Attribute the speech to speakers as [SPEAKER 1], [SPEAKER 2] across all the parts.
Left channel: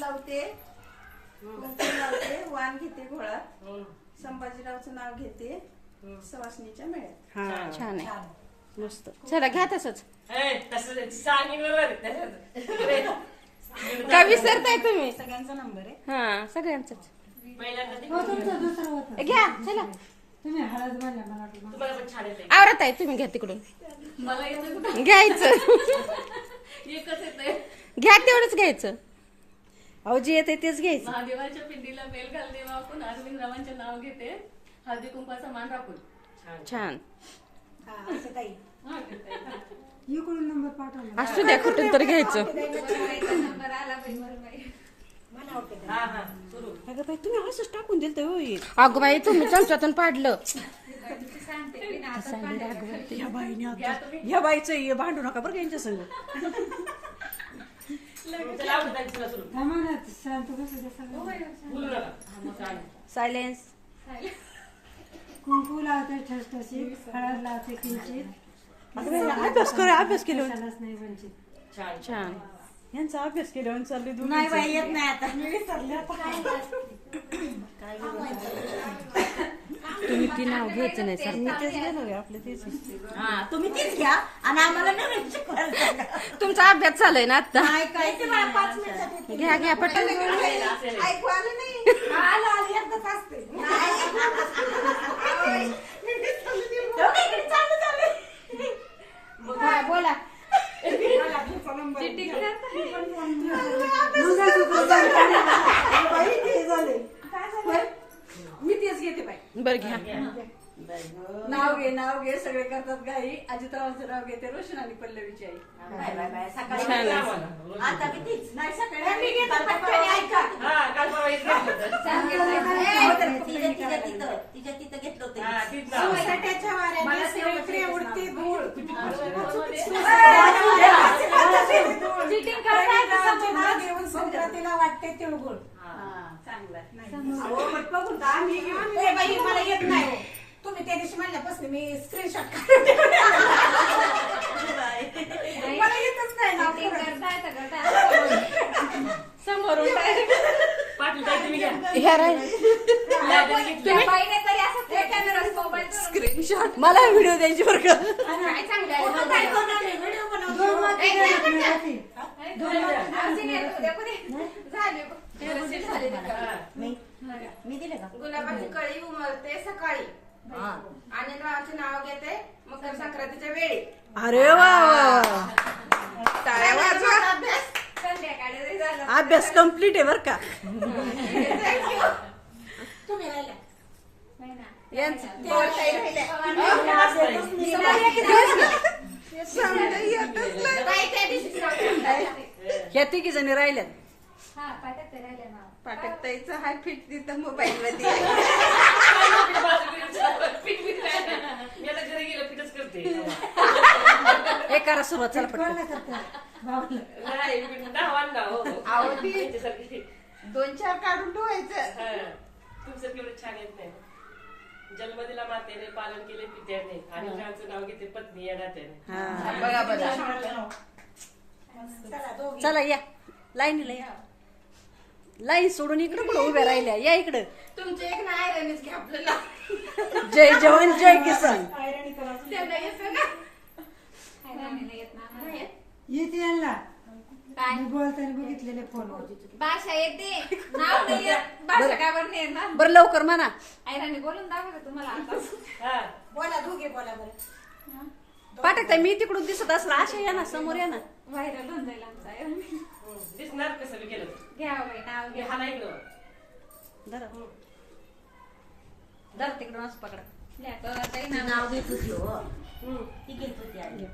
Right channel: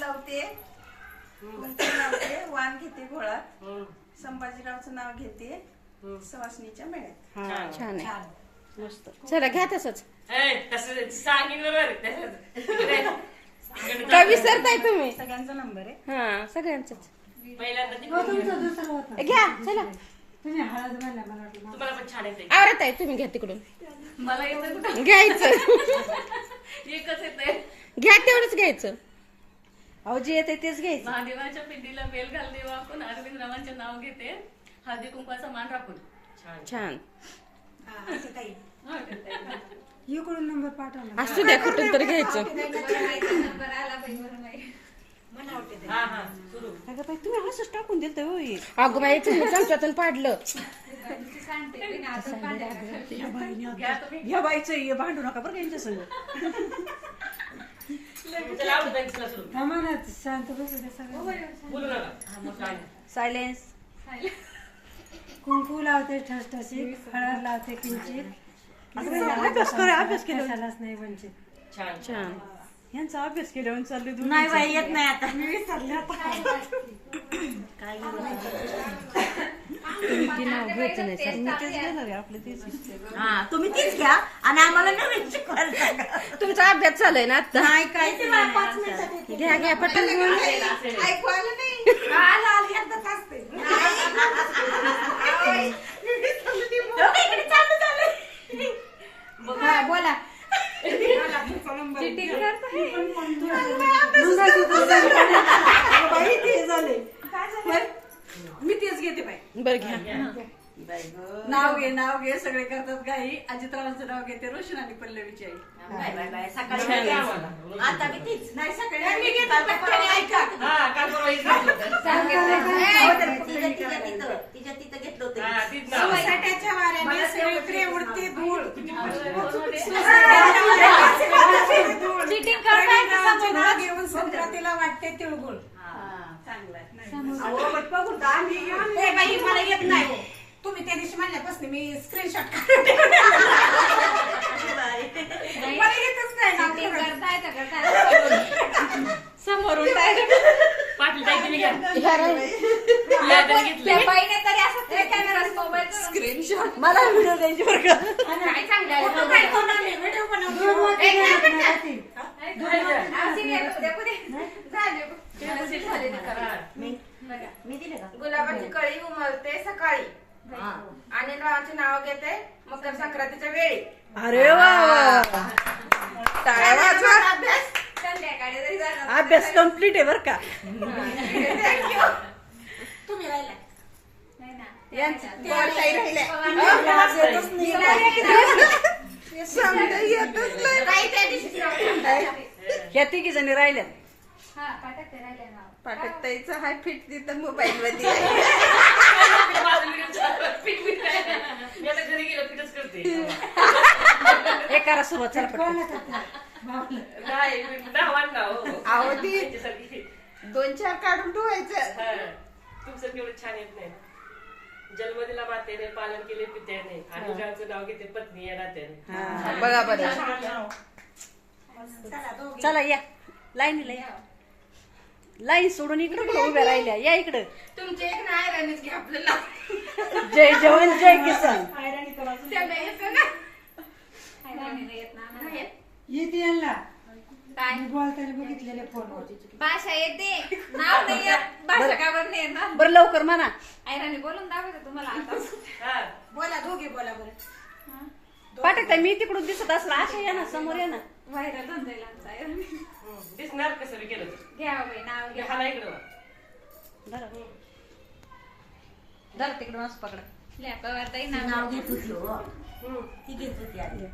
[SPEAKER 1] लावते. कुंकू लावते वाण घेते घोळात. संभाजीरावचं नाव घेते. सवासणीच्या मेळ्यात.
[SPEAKER 2] छान आहे. मस्त. चला घ्या तसंच.
[SPEAKER 3] सांगेन बरोबर तिकडे.
[SPEAKER 2] का विसरताय तुम्ही?
[SPEAKER 1] सगळ्यांचा नंबर आहे.
[SPEAKER 2] हा सगळ्यांचंच.
[SPEAKER 3] पहिल्यांदा
[SPEAKER 4] हो,
[SPEAKER 2] घ्या. चला.
[SPEAKER 3] तुम्हाला पण छान येते
[SPEAKER 2] आवरत आहे तुम्ही घ्या तिकडून.
[SPEAKER 3] मला येतं कुठं?
[SPEAKER 2] घ्यायचं.
[SPEAKER 3] एकच येते
[SPEAKER 2] घ्या तेवढंच घ्यायचं. अहो जे येते तेच घ्यायचं
[SPEAKER 3] महादेवाच्या पिंडीला बेल घालते वाकून अरविंद रावांचे नाव घेते हळदी कुंकवाचा मान राखून छान
[SPEAKER 2] छान
[SPEAKER 4] इकडून नंबर पाठवला
[SPEAKER 2] असू द्या कुठून तरी घ्यायचं
[SPEAKER 3] हा हा सुरू
[SPEAKER 2] अगं बाई तुम्ही असंच टाकून दिलं तर होईल अगं बाई तुम्ही चमच्यातून पाडलं
[SPEAKER 1] या बाईचं भांडू नका बरं यांच्या संग
[SPEAKER 3] चला आवडत आहे, चला सुरू
[SPEAKER 4] थांबा ना शांत बसू दे सगळं
[SPEAKER 3] काय
[SPEAKER 1] सायलेन्स.
[SPEAKER 4] कुंकू लावते ठसठशी हळद लावते किंचित.
[SPEAKER 1] अभ्यास कर अभ्यास केला.
[SPEAKER 4] कशालाच नाही वंचित.
[SPEAKER 3] छान.
[SPEAKER 2] छान.
[SPEAKER 1] यांचा अभ्यास केल्यावर चालले
[SPEAKER 4] नाही बाई येत नाही आता.
[SPEAKER 2] तुम्ही ती नाव घ्यायचं नाही सर
[SPEAKER 1] तेच घेणार आहे आपले तेच
[SPEAKER 5] हा तुम्ही तीच घ्या आणि आम्हाला नवीन शिकवायला सांगा.
[SPEAKER 2] तुमचा अभ्यास चालू आहे ना आता
[SPEAKER 5] नाही
[SPEAKER 2] घ्या घ्या पटकन
[SPEAKER 1] ऐकू आलं नाही
[SPEAKER 5] आलं आलं एकदाच असते डोकं इकडे चालू चालू
[SPEAKER 4] हा, बोला
[SPEAKER 1] बाई ते झाले मी घेते बाई.
[SPEAKER 2] बरं घ्या.
[SPEAKER 1] नाव घे नाव घे सगळे करतात गाई अजितरावांचं नाव घेते रोशन आणि पल्लवीची आई.
[SPEAKER 5] बाय बाय बाय सकाळी
[SPEAKER 2] छान आहे.
[SPEAKER 5] आता मी तीच. नाही सकाळी मी घेत ऐका.
[SPEAKER 3] हा काल परवा इथे घेतलं होतं.
[SPEAKER 5] तिच्या तिच्या तिथं तिच्या तिथं घेतलं होतं.
[SPEAKER 3] हा, तीच. नाव.
[SPEAKER 4] सोसायट्याच्या वाऱ्याने सगळीकडे उडते धूळ.
[SPEAKER 3] चिटिंग
[SPEAKER 4] रवींद्रावांचे नाव घेऊन संक्रांतीला वाटते तिळगुळ.
[SPEAKER 5] मला येत नाही.
[SPEAKER 4] तुम्ही त्या दिवशी म्हणल्यापासून मी स्क्रीनशॉट मला येतच नाही खरं.
[SPEAKER 2] समोरून
[SPEAKER 3] तुम्ही घ्या.
[SPEAKER 2] राहील.
[SPEAKER 3] घेतलं.
[SPEAKER 1] स्क्रीनशॉट मला व्हिडिओ द्यायची बरं का?
[SPEAKER 5] फोटो काय बनवले? व्हिडिओ बनवले.
[SPEAKER 4] दोन
[SPEAKER 5] मी दिले का?
[SPEAKER 1] गुलाबाची कळी उमलते सकाळी. आणि नावाचे नाव घेते मकर संक्रांतीच्या वेळी.
[SPEAKER 4] अरे वा वा
[SPEAKER 1] वाजवा.
[SPEAKER 5] अभ्यास.
[SPEAKER 1] अभ्यास कंप्लीट आहे बर का.
[SPEAKER 5] तुम्ही राहिल्या
[SPEAKER 1] नाही त्या दिवशी ह्या तिघी जणी राहिल्यात पाठक ताईचं हाय फिट तिथं मोबाईल.
[SPEAKER 3] मी आता घरी गेलो करते
[SPEAKER 1] हे करा सुरुवात चला पटकन.
[SPEAKER 3] नाही नाव आण ना हो. त्याच्यासारखी.
[SPEAKER 1] दोन चार काढून ठेवायचं
[SPEAKER 3] हा. तुमचं केवढं छान येत नाही. जन्म दिला मातेने पालन केले पित्याने आणि मुलांचं नाव घेते पत्नी या नात्याने.
[SPEAKER 1] हा बघा बघा.
[SPEAKER 5] चला दोघी.
[SPEAKER 1] चला या. लाईनीला या. लाईन सोडून इकडं कुठं उभ्या राहिल्या? या इकडं.
[SPEAKER 5] तुमचे एक नाही राणीच घ्या आपल्याला
[SPEAKER 1] जय जवान जय किसान.
[SPEAKER 4] येते यांना. मी बोलताना बघितलेले फोनवर
[SPEAKER 6] भाषा येते. नाव नाही येत. भाषा का बरं नाही येणार?
[SPEAKER 1] बरं लवकर म्हणा.
[SPEAKER 6] आयराने बोलून दाखवते तुम्हाला आता.
[SPEAKER 3] हा
[SPEAKER 5] बोला दोघे बोला बरं.
[SPEAKER 1] पाठक मी तिकडून दिसत असलं अशा या ना समोर या ना.
[SPEAKER 6] व्हायरल होऊन जाईल आमचा.
[SPEAKER 3] दिसणार कसं मी केलं?
[SPEAKER 6] घ्या बाई नाव घ्या
[SPEAKER 3] हा नाही इकडं.
[SPEAKER 1] धरा. धरा तिकडून असं पकडा.
[SPEAKER 6] नाव
[SPEAKER 5] नाव घेत होती हो. ती घेत होती आधी.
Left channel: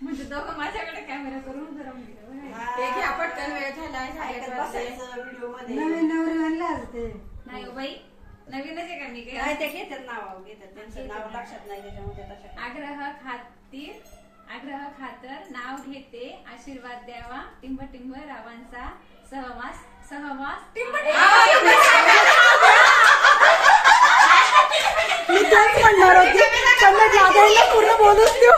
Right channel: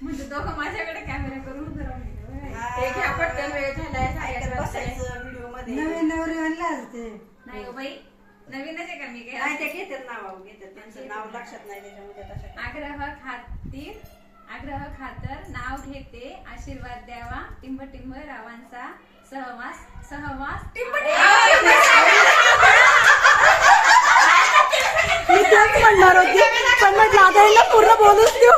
[SPEAKER 6] म्हणजे दोघं माझ्याकडे कॅमेरा करून.
[SPEAKER 1] ते घ्या पटकन वेळ
[SPEAKER 5] व्हिडिओमध्ये.
[SPEAKER 4] नवीन नवरी आणलाच ते
[SPEAKER 6] नाही गं बाई. नवीनच आहे का? मी काय
[SPEAKER 1] ते घेतात नाव घेतात. त्यांचं नाव लक्षात नाही त्याच्यामध्ये
[SPEAKER 6] आग्रह खातीर आग्रह खातर नाव घेते आशीर्वाद द्यावा टिंब टिंब रावांचा सहवास सहवास.
[SPEAKER 1] मी तेच म्हणणार होती. पण मग जाधवला पूर्ण बोलूच देऊ.